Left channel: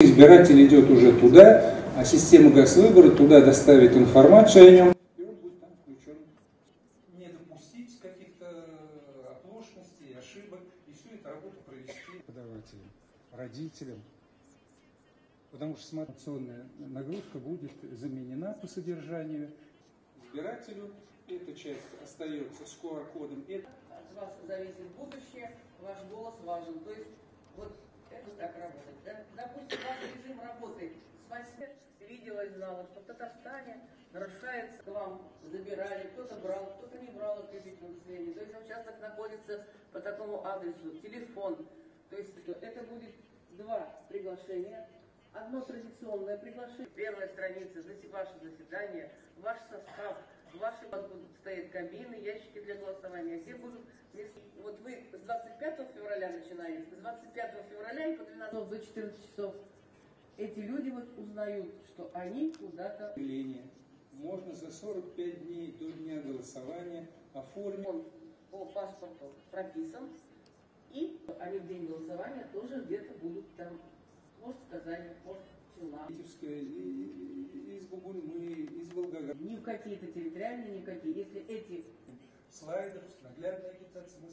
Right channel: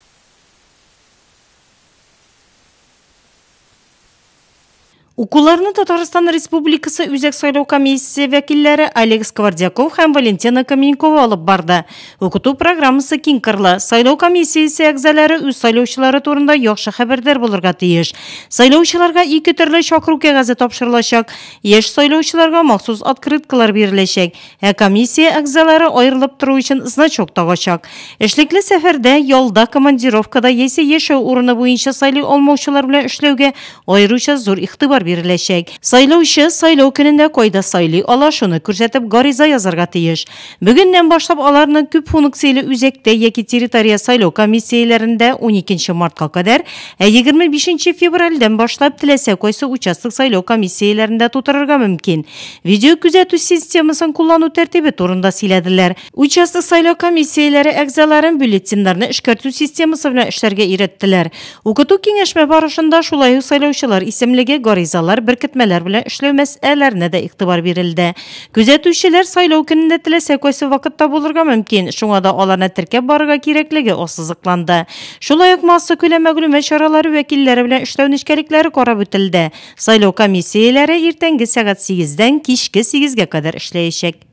Избиратель идет уже туда, а система Госвыбора туда доставит информацию о нем. Укуларны Татарстан Республикасы Үзәк сайлау комиссия вәкилләре Олег Сквордяков һәм Валентина Каменькова алып барды. Укыту программасы киң кырлы. Сайлау комиссиясе әгъзалары үз сайлаучылары турында яхшы хәбәрдар булырга тиеш. Сайлаучыларга ике төрле чакыру кәгазе тапшырылачак. Яшь сайлаучыларга махсус открыткалар биреләчәк. Комиссия әгъзалары аерылып тору өчен значок тагачак. Эшлекле сәфәрдә, ялда, командировкада яисә яшәү урыны буенча сайлый алмаучылар белән эшләүгә аеруча зур игътибар биреләчәк. Сайлаучы сайлау көнендә кайда сайлый ала, шуны күрсәтеп гариза язарга тиеш. Бүгеннән башлап аларны күп функцияле үзәктә яки территория сайлау комиссияләрендә 12 мартка кадәр, 25 февральдән башлап теләсә кайсы участок сайлау комиссияләрендә тутырырга мөмкин. Видео күзәтү системасын куллану тәртибе турында сөйләделәр. Участок сайлау комиссияләре әгъзаларын бюллетеннарны эшкәртү системасы белән эшләргә өйрәттеләр. Укыту киңәшмә барышында шулай ук сайлаучылар исемлеге гаризалар, беркетмәләр белән эшләү мәсьәләләренә дә игътибар бирелде. Күзәтүчеләр сайлау көнендә теләсә кайсы вакытта булырга мөмкин, шуңа да аларны теркәп барырга кирәклеге ассызыкланды. Шулай ук масса күләм мәгълүмат чаралары вәкилләре белән эшләү нечкәлекләре карап үтелде. Сайлау комиссияләре иртәнге сәгать 8-дән кичке 8-гә кадәр эшләячәк.